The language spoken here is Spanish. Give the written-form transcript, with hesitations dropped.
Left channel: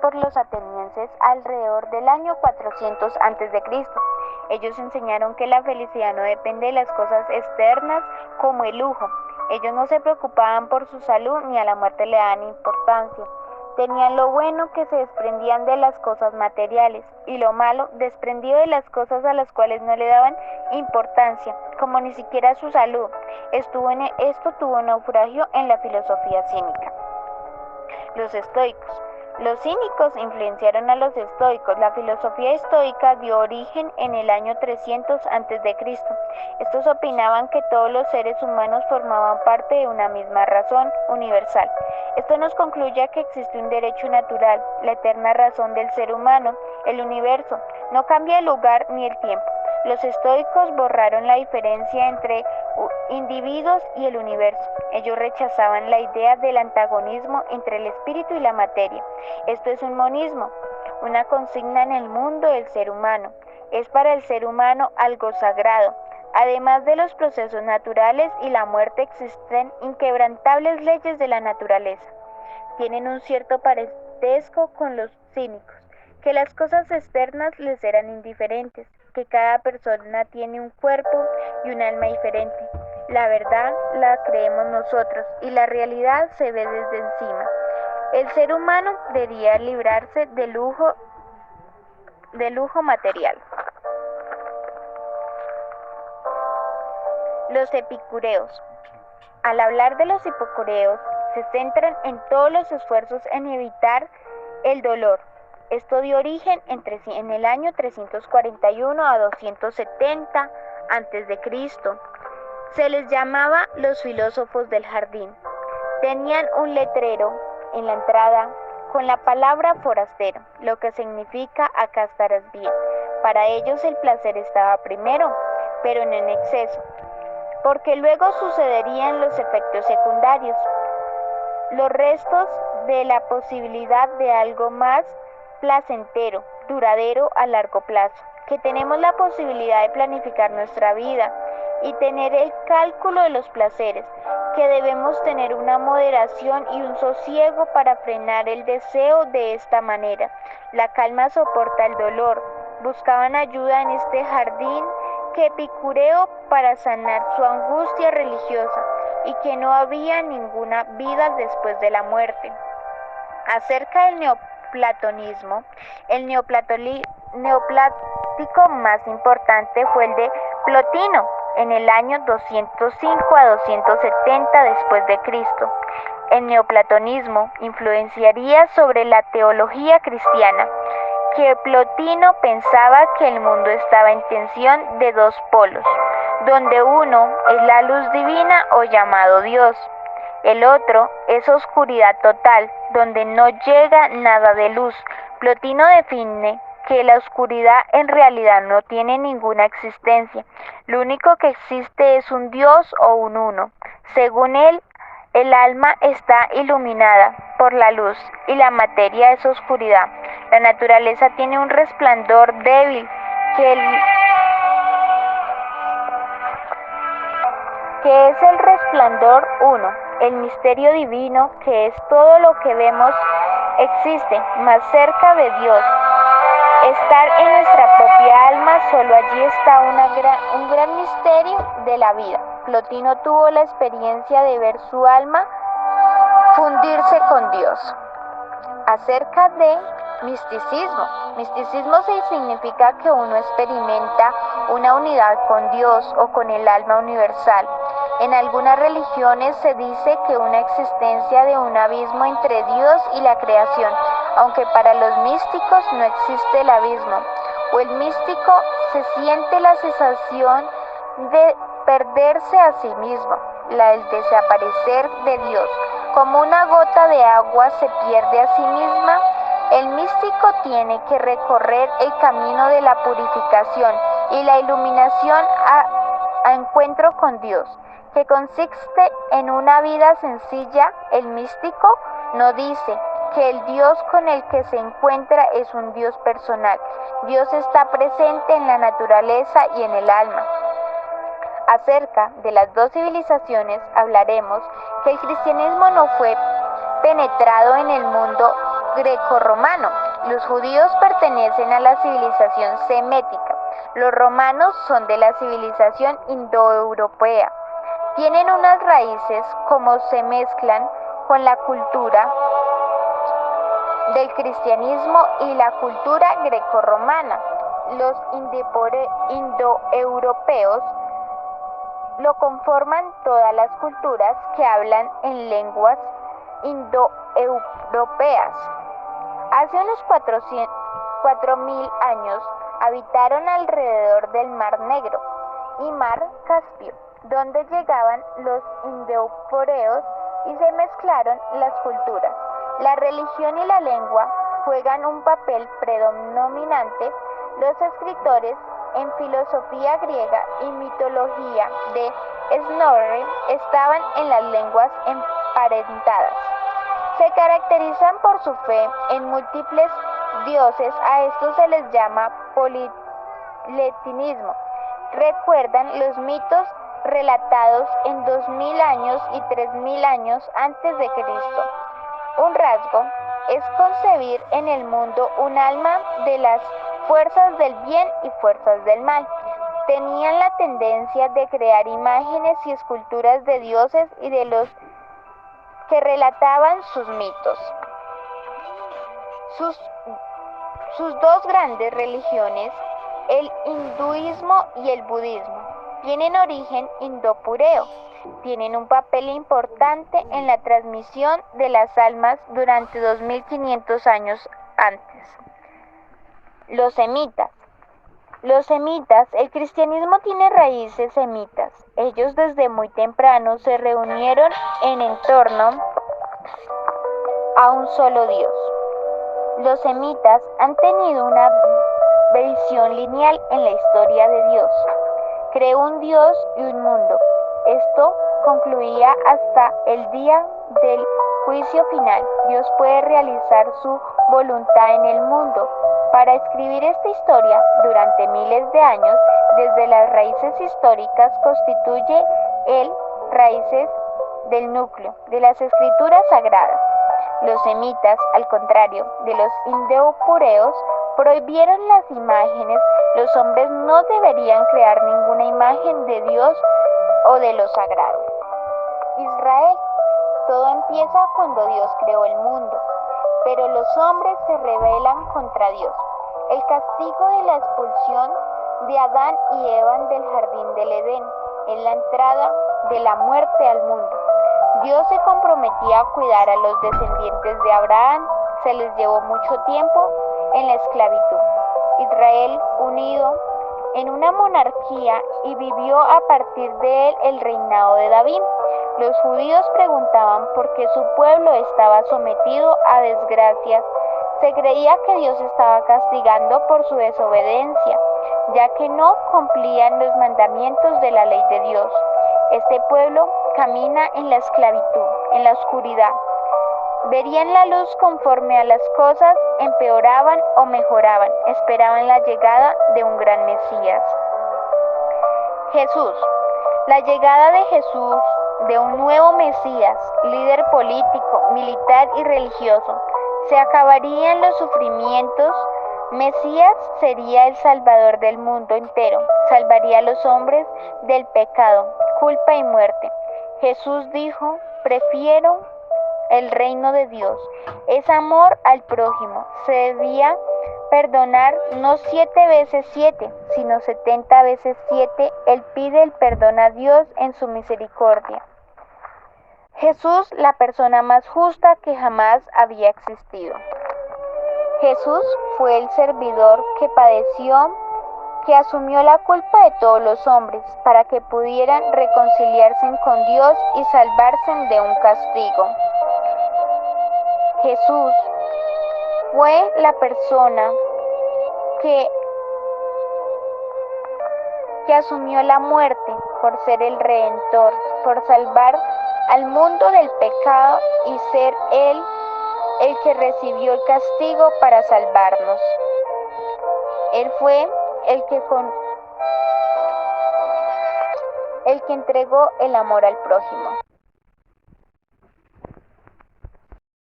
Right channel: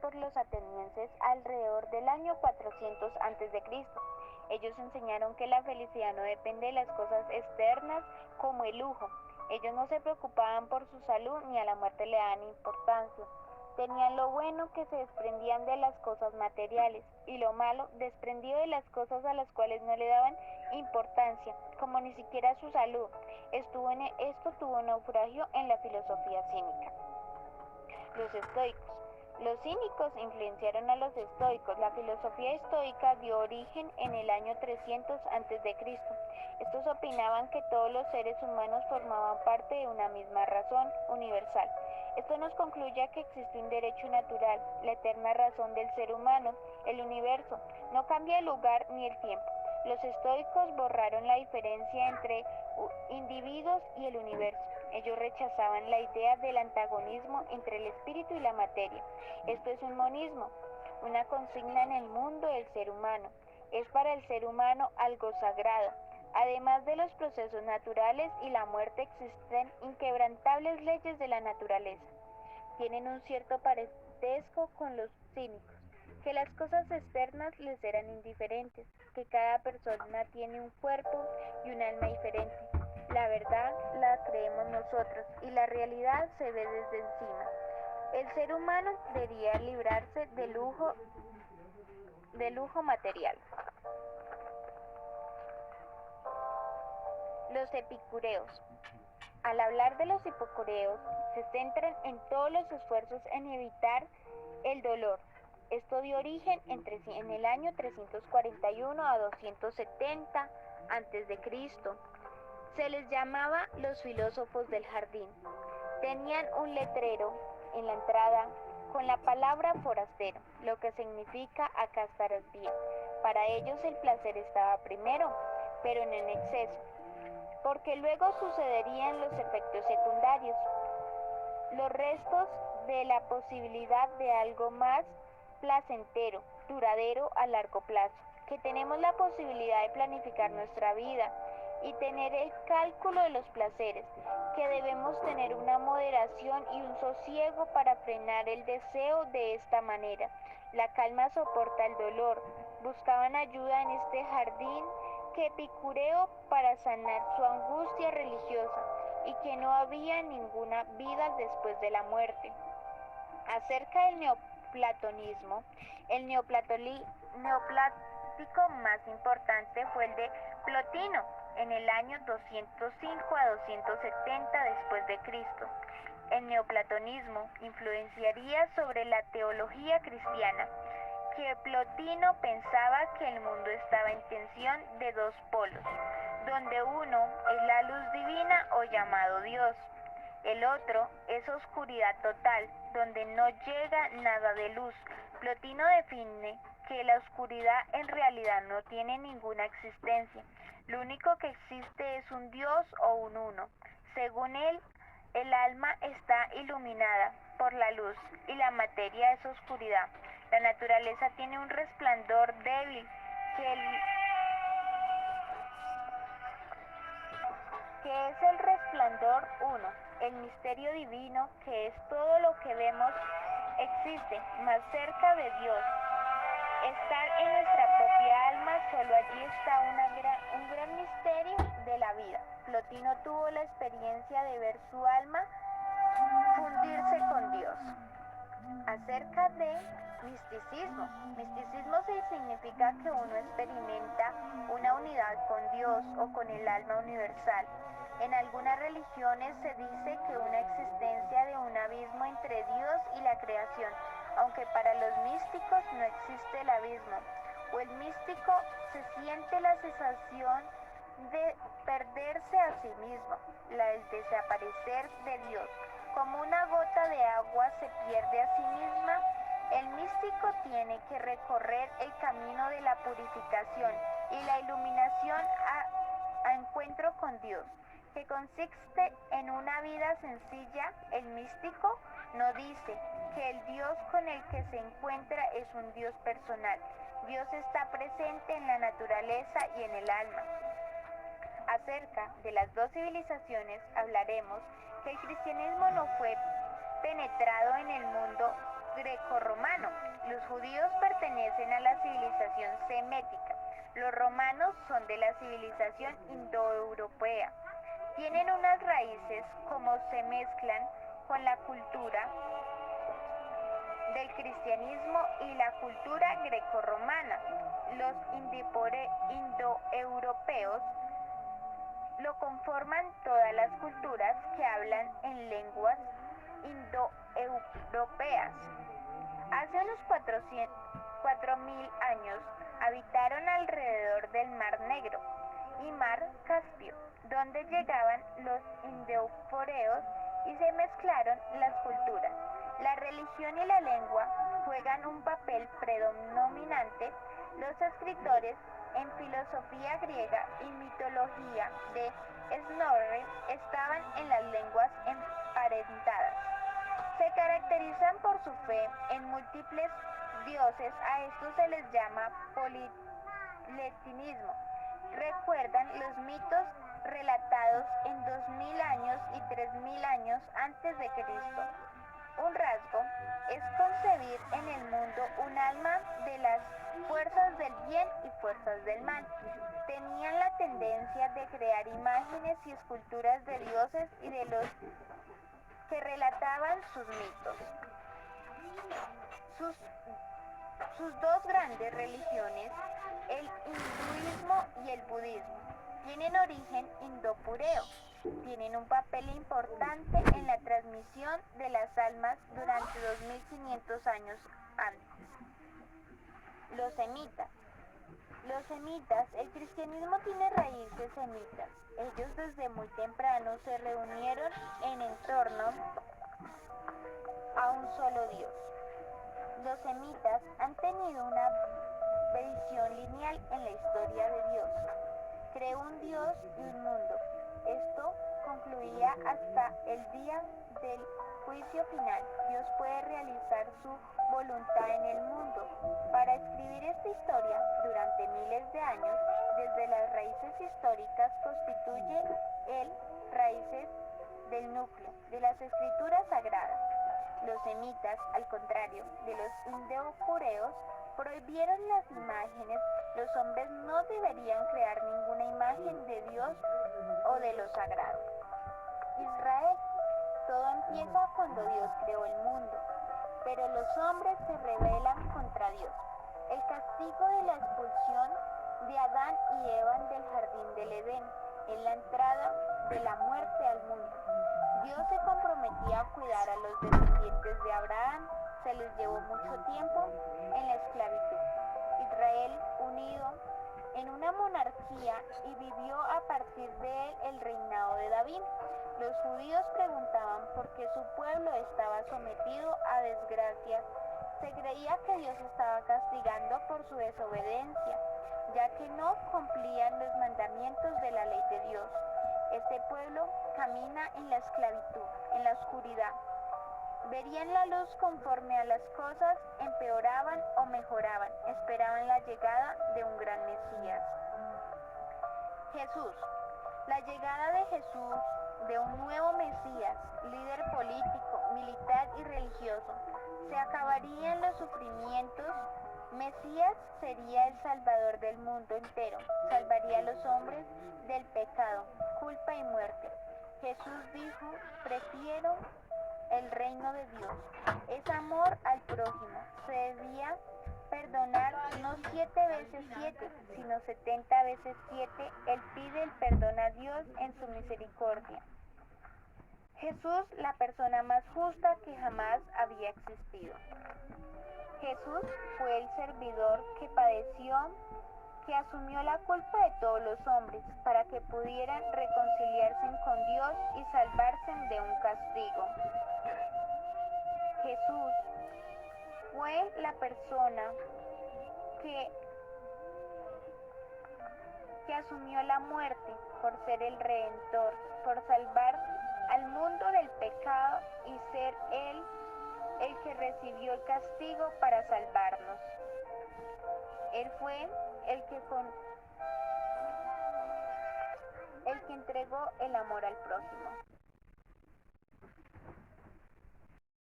por los atenienses alrededor del año 400 a.C. Ellos enseñaron que la felicidad no depende de las cosas externas como el lujo. Ellos no se preocupaban por su salud ni a la muerte le daban importancia. Tenían lo bueno que se desprendían de las cosas materiales y lo malo desprendido de las cosas a las cuales no le daban importancia, como ni siquiera su salud. Esto tuvo naufragio en la filosofía cínica. Los estoicos. Los cínicos influenciaron a los estoicos. La filosofía estoica dio origen en el año 300 a.C. Estos opinaban que todos los seres humanos formaban parte de una misma razón universal. Esto nos concluye que existe un derecho natural, la eterna razón del ser humano, el universo. No cambia el lugar ni el tiempo. Los estoicos borraron la diferencia entre individuos y el universo. Ellos rechazaban la idea del antagonismo entre el espíritu y la materia. Esto es un monismo, una consigna en el mundo del ser humano. Es para el ser humano algo sagrado. Además de los procesos naturales y la muerte, existen inquebrantables leyes de la naturaleza. Tienen un cierto parentesco con los cínicos, que las cosas externas les eran indiferentes, que cada persona tiene un cuerpo y un alma diferente. La verdad la creemos nosotros y la realidad se ve desde encima. El ser humano debería librarse del lujo material. Los epicureos. Al hablar de los epicureos, se centran en todos los esfuerzos en evitar el dolor. Esto dio origen en el año 341 a 270 a.C. Se les llamaba los filósofos del jardín. Tenían un letrero en la entrada con la palabra forastero, lo que significa acá estarás bien. Para ellos el placer estaba primero, pero no en exceso, porque luego sucederían los efectos secundarios, los restos de la posibilidad de algo más placentero, duradero a largo plazo, que tenemos la posibilidad de planificar nuestra vida y tener el cálculo de los placeres, que debemos tener una moderación y un sosiego para frenar el deseo de esta manera. La calma soporta el dolor. Buscaban ayuda en este jardín que Epicureo para sanar su angustia religiosa y que no había ninguna vida después de la muerte. Acerca del neoplatonismo, el neoplático más importante fue el de Plotino en el año 205 a 270 después de Cristo. El neoplatonismo influenciaría sobre la teología cristiana, que Plotino pensaba que el mundo estaba en tensión de dos polos, donde uno es la luz divina o llamado Dios. El otro es oscuridad total, donde no llega nada de luz. Plotino define que la oscuridad en realidad no tiene ninguna existencia. Lo único que existe es un Dios o un uno. Según él, el alma está iluminada por la luz y la materia es oscuridad. La naturaleza tiene un resplandor débil que es el resplandor uno. El misterio divino, que es todo lo que vemos, existe más cerca de Dios. Estar en nuestra propia alma, solo allí está un gran misterio de la vida. Plotino tuvo la experiencia de ver su alma fundirse con Dios. Acerca de misticismo. Misticismo significa que uno experimenta una unidad con Dios o con el alma universal. En algunas religiones se dice que una existencia de un abismo entre Dios y la creación, aunque para los místicos no existe el abismo, o el místico se siente la sensación de perderse a sí mismo, el desaparecer de Dios. Como una gota de agua se pierde a sí misma, el místico tiene que recorrer el camino de la purificación y la iluminación a encuentro con Dios, que consiste en una vida sencilla. El místico no dice que el Dios con el que se encuentra es un Dios personal. Dios está presente en la naturaleza y en el alma. Acerca de las dos civilizaciones hablaremos que el cristianismo no fue penetrado en el mundo grecorromano. Los judíos pertenecen a la civilización semética. Los romanos son de la civilización indoeuropea. Tienen unas raíces como se mezclan con la cultura del cristianismo y la cultura grecorromana. Los indoeuropeos lo conforman todas las culturas que hablan en lenguas indoeuropeas. Hace unos 4.000 años habitaron alrededor del Mar Negro y Mar Caspio, donde llegaban los indoeuropeos y se mezclaron las culturas. La religión y la lengua juegan un papel predominante. Los escritores en filosofía griega y mitología de Snorri estaban en las lenguas emparentadas. Se caracterizan por su fe en múltiples dioses. A esto se les llama politeísmo. Recuerdan los mitos relatados en 2000 años y 3000 años antes de Cristo. Un rasgo es concebir en el mundo un alma de las fuerzas del bien y fuerzas del mal. Tenían la tendencia de crear imágenes y esculturas de dioses y de los que relataban sus mitos. Sus dos grandes religiones, el hinduismo y el budismo, tienen origen indopureo. Tienen un papel importante en la transmisión de las almas durante 2500 años antes. Los semitas. El cristianismo tiene raíces semitas. Ellos desde muy temprano se reunieron en torno a un solo Dios. Los semitas han tenido una visión lineal en la historia de Dios. Creó un Dios y un mundo. Esto concluía hasta el día del juicio final. Dios puede realizar su voluntad en el mundo. Para escribir esta historia durante miles de años, desde las raíces históricas, constituye el raíces del núcleo de las escrituras sagradas. Los semitas, al contrario de los indoeuropeos, prohibieron las imágenes. Los hombres no deberían crear ninguna imagen de Dios o de lo sagrado. Israel. Todo empieza cuando Dios creó el mundo, pero los hombres se rebelan contra Dios. El castigo de la expulsión de Adán y Eva del jardín del Edén es la entrada de la muerte al mundo. Dios se comprometía a cuidar a los descendientes de Abraham. Se les llevó mucho tiempo en la esclavitud. Israel unido en una monarquía y vivió a partir de él el reinado de David. Los judíos preguntaban por qué su pueblo estaba sometido a desgracias. Se creía que Dios estaba castigando por su desobediencia, ya que no cumplían los mandamientos de la ley de Dios. Este pueblo camina en la esclavitud, en la oscuridad. Verían la luz conforme a las cosas empeoraban o mejoraban. Esperaban la llegada de un gran Mesías. Jesús. La llegada de Jesús, de un nuevo Mesías, líder político, militar y religioso. Se acabarían los sufrimientos. Mesías sería el Salvador del mundo entero. Salvaría a los hombres del pecado, culpa y muerte. Jesús dijo: prefiero el reino de Dios. Es amor al prójimo. Se debía perdonar no 7 veces 7, sino 70 veces 7. Él pide el perdón a Dios en su misericordia. Jesús, la persona más justa que jamás había existido. Jesús fue el servidor que padeció, que asumió la culpa de todos los hombres para que pudieran reconciliarse con Dios y salvarse de un castigo. Jesús fue la persona que asumió la muerte por ser el Redentor, por salvar al mundo del pecado y ser Él el que recibió el castigo para salvarnos. Él fue el que entregó el amor al prójimo.